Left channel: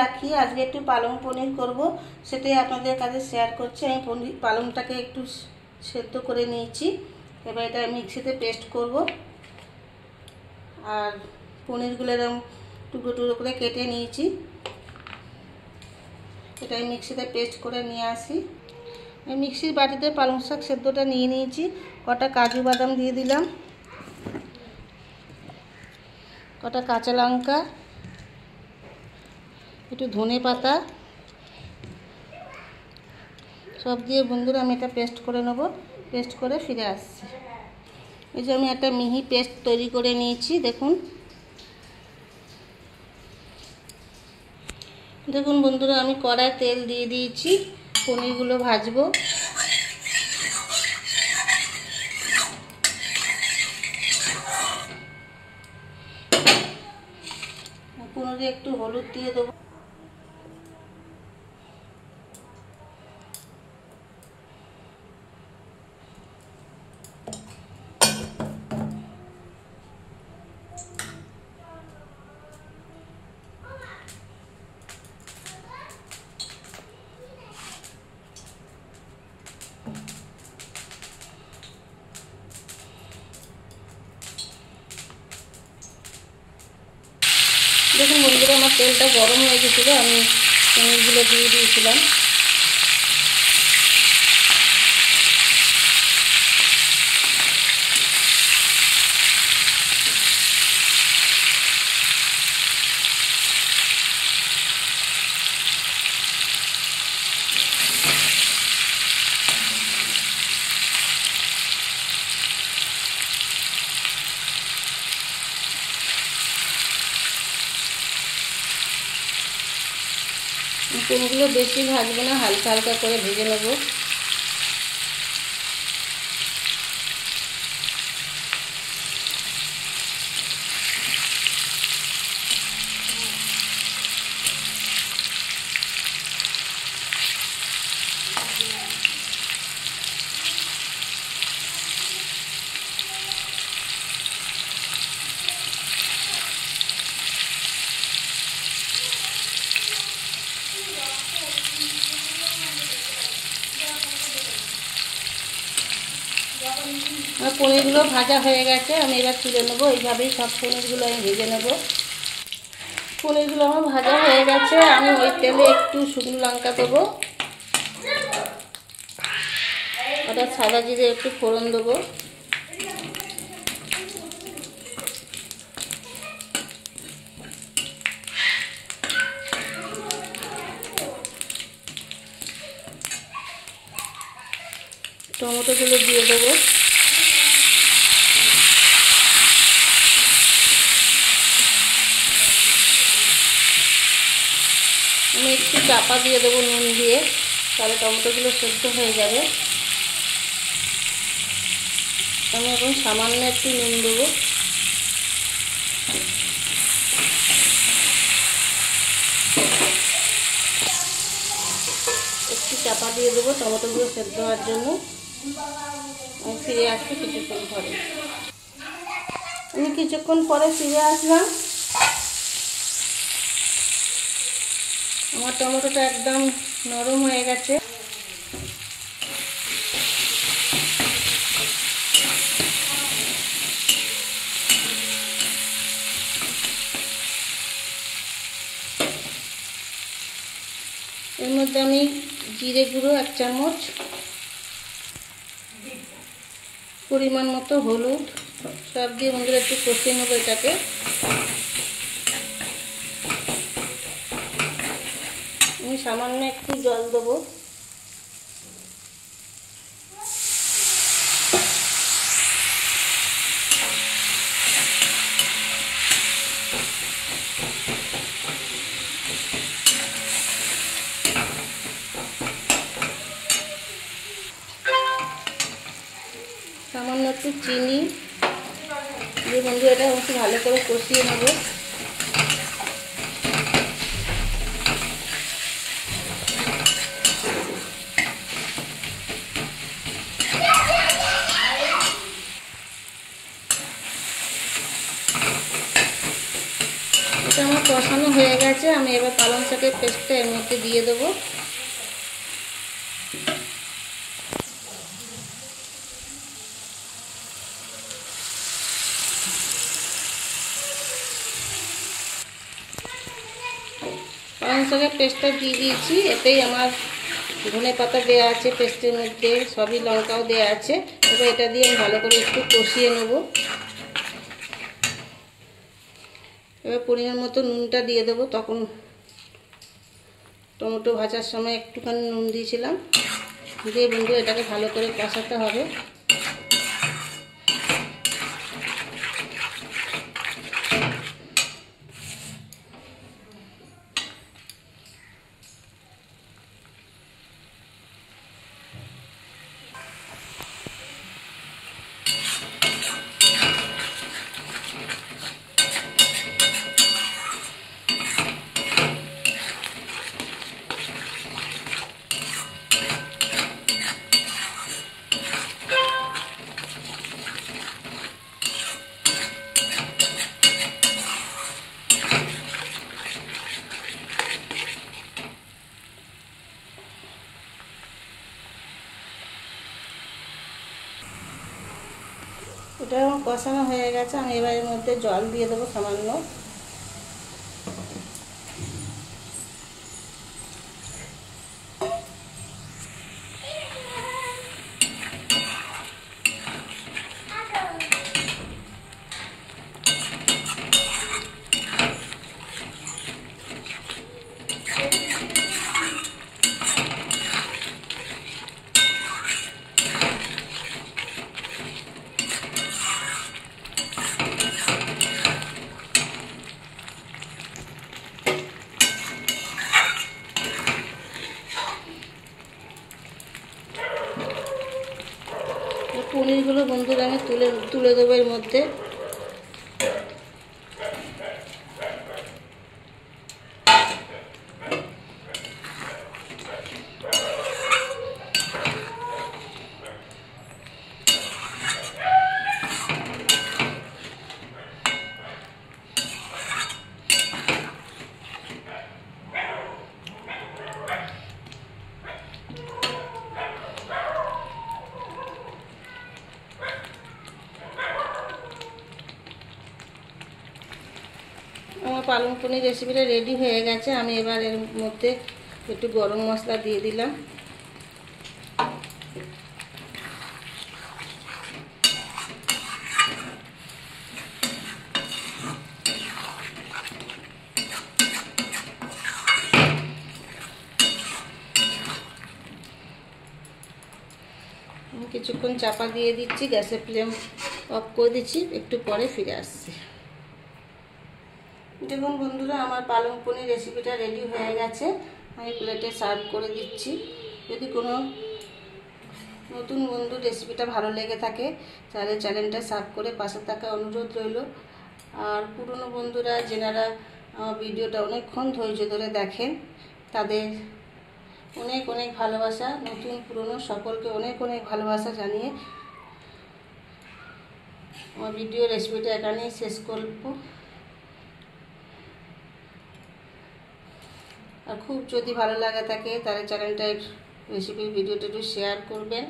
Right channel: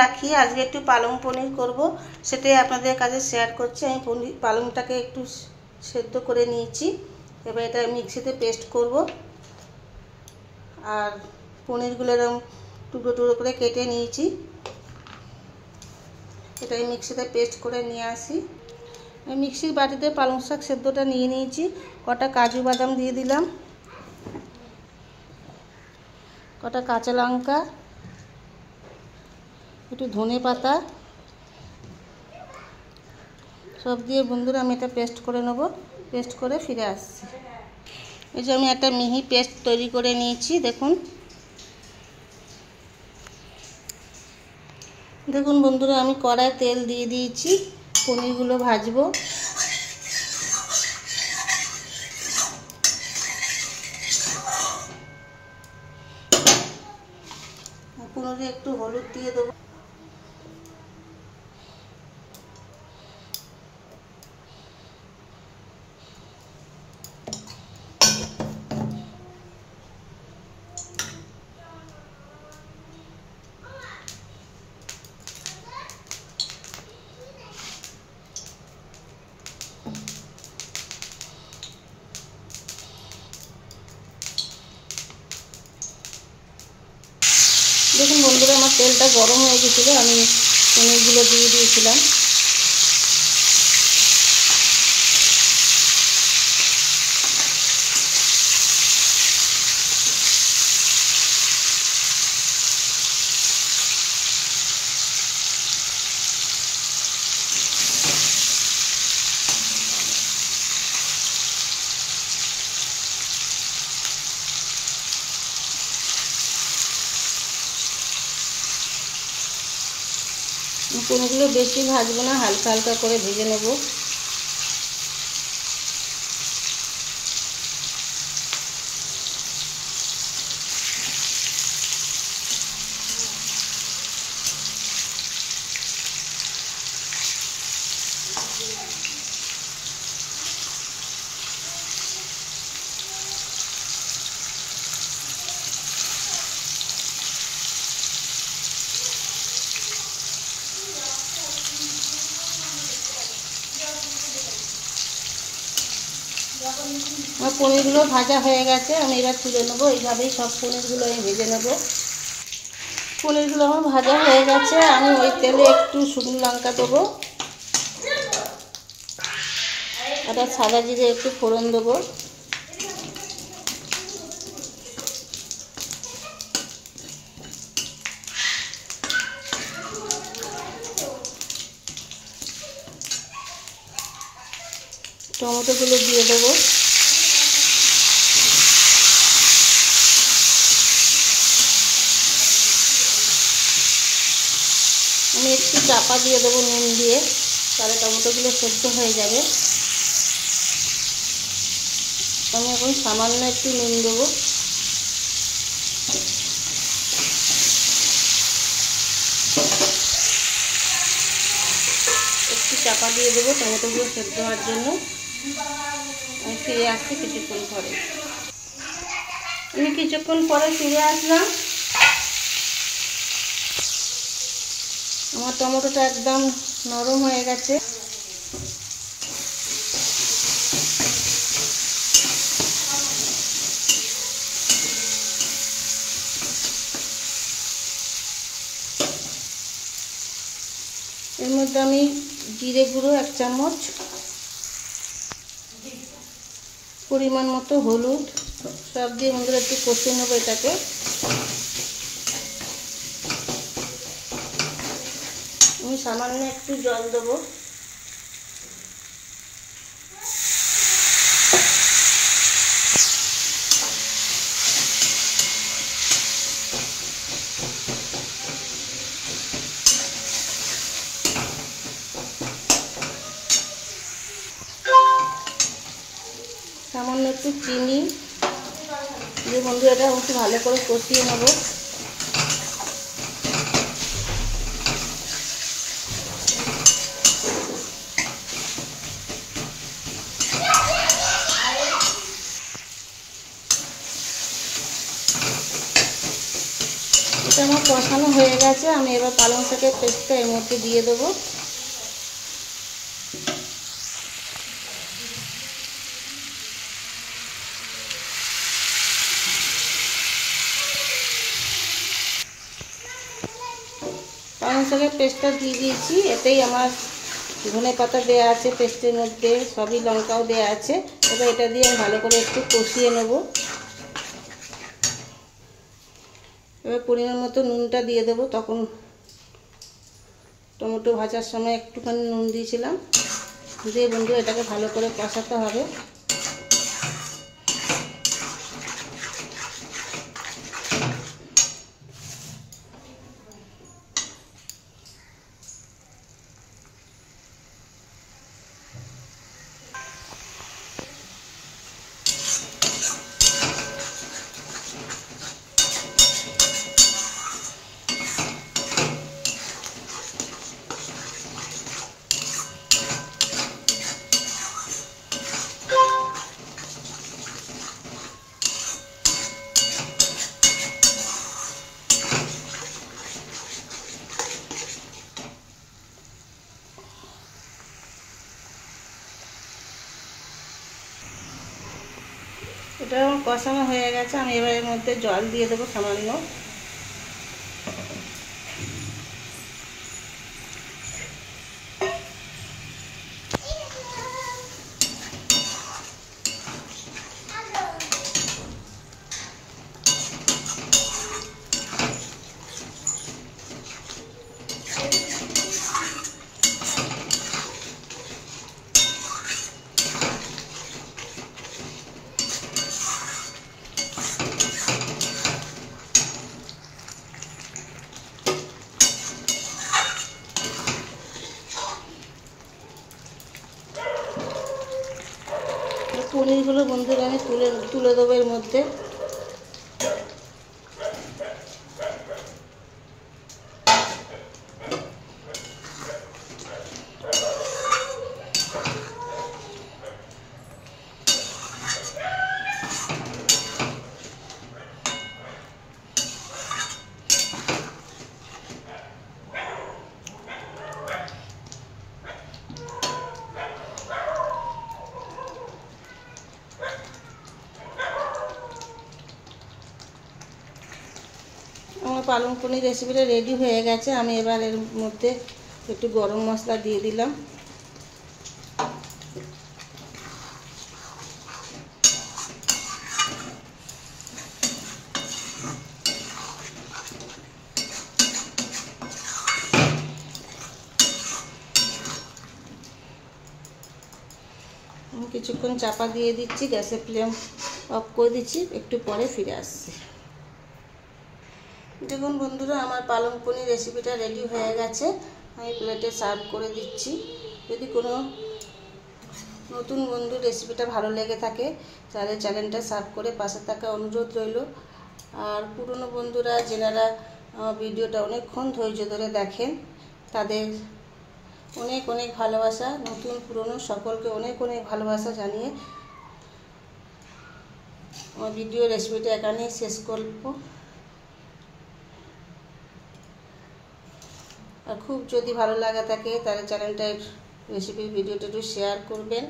রাখি। আজকে একটু পালং পনির করব, সেটাই আপনাদের কাছে শেয়ার করছি। আমি পালংটাকে একটু সেদ্ধ করে নিয়েছি। এবার এটা মিক্সিতে পেস্ট করব। আর পনিরগুলো এরকম টুকরো টুকরো করে কেটে নিয়েছি। এটাই মিক্সিতে পেস্ট করে নিয়ে আসি। মিক্সির বাটিতে পালং শাক সেদ্ধটা নিয়ে নিয়েছি। কটা কাজু বাদাম দিয়ে দিলাম, কটা কাঁচা লঙ্কা, একটু ধনে পাতা, সব দিয়ে বন্ধুরা আমি এটা পেস্ট করে নেব। পেস্ট করে ফিরে আসছি। এই যে আমি একটা মিহি পেস্ট তৈরি করে নিয়েছি। দেখুন দেখুন বন্ধুরা, আমি কড়ায় তেল দিয়ে দিয়েছি। পনিরগুলো ভাজবো। পনিরে একটু হলুদ দিয়ে দেবো। দেখুন বন্ধুরা, আমার তেলটা গরম হয়ে গেছিলো, আমি পনিরগুলো দিয়ে দিয়েছিলাম। পনিরগুলো বেশি ভাজবো না, হালকা হালকা করে ভেজে নেব। আমার পনিরগুলো ভাজা হয়ে গেছে, আমি এবার তুলে নেবো। এইভাবেই সব পনিরগুলো আমি ভেজে নেব। পনিরগুলো আমার ভাজা হয়ে গেছে। আমি ওই তেলে একটু শুকনো লঙ্কা দেবো, ওটা সাদা জিরে একটু ফোড়ন দেবো, টমেটোগুলো দিয়ে দেবো। আমি একটু চাপা দিয়ে দেবো নুন দিয়ে, তাহলে টমেটোগুলো সেদ্ধ হয়ে যাবে। আমি এখন সামান্য একটু নুন দেবো। একটু চাপা দিয়ে দেবো টমেটোগুলো সেদ্ধ হওয়ার জন্য। আমি ফিরে আসছি কিছুক্ষণ পরে। আমি কিছুক্ষণ পরে ফিরে আসলাম। আমার টমেটোটা একদম নরম হয়ে গেছে। এর মধ্যে আমি জিরে গুঁড়ো 1 চামচ, পরিমাণ মতো হলুদ, সব দিয়ে বন্ধুরা একটু কষিয়ে নেবো এটাকে। আমি সামান্য একটু জল দেবো। সামান্য একটু চিনি দিয়ে বন্ধু এটা একটু ভালো করে কষিয়ে নেব। এটা আমার কষানো হয়ে গেছে, আমি এবার পালং শাকের পেস্টটা এর মধ্যে দিয়ে দেবো। পালং শাকের পেস্টটা দিয়ে দিয়েছি, এতেই আমার ধনেপাতা দেওয়া আছে পেস্টের মধ্যে, সবই লঙ্কাও দেওয়া আছে। এবার এটা দিয়ে আমি ভালো করে একটু কষিয়ে নেব। এবার পরিমাণ মতো নুনটা দিয়ে দেবো, তখন টমেটো ভাজার সময় একটুখানি নুন দিয়েছিলাম। দিয়ে বন্ধু এটাকে ভালো করে কষাতে হবে। এটা আমার কষানো হয়ে গেছে, আমি এবার এর মধ্যে জল দিয়ে দেবো সামান্য। পনিরগুলো বন্ধুরা আমি তুলে দেবো এর মধ্যে। আমার পালং পনির রেসিপিটা রেডি হয়ে গেছে, আমি এবার এর মধ্যে একটু গরম মশলা দিয়ে দিলাম। কিছুক্ষণ চাপা দিয়ে দিচ্ছি, গ্যাসের ফ্লেম অফ করে দিচ্ছি, একটু পরে ফিরে আসছি। দেখুন বন্ধুরা, আমার পালং পনির রেসিপিটা রেডি হয়ে গেছে, আমি প্লেটে সার্ভ করে দিচ্ছি। যদি কোনো নতুন বন্ধু রেসিপিটা ভালো লেগে থাকে তাহলে চ্যানেলটা সার্ভ করে পাশে থাকা অনুরোধ রইল। আর পুরনো বন্ধুরা যেনারা আমার ভিডিওটা অনেকক্ষণ ধৈর্য ধরে দেখেন তাদের অনেক অনেক ভালোবাসা, নতুন পুরনো সকলকে অনেক অনেক ভালোবাসা জানিয়ে আমার ভিডিও রেসিপিটা এখানেই শেষ করব। আর খুব যদি ভালো লাগে থাকে তাহলে চ্যানেলটা রেসিপির ভিডিওটা একটু শেয়ার করবেন।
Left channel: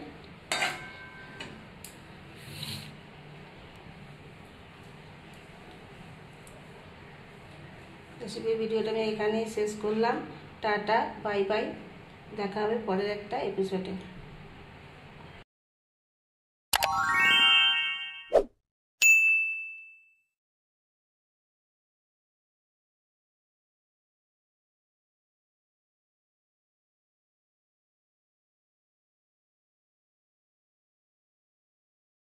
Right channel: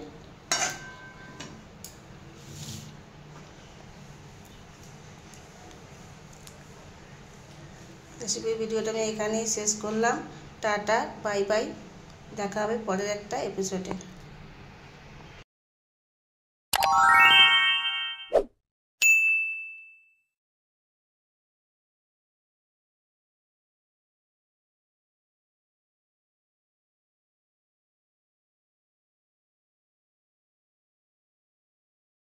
রেসিপির ভিডিওটা আমি এখানেই শেষ করলাম। টাটা, বাই বাই, দেখা হবে পরের একটা এপিসোডে।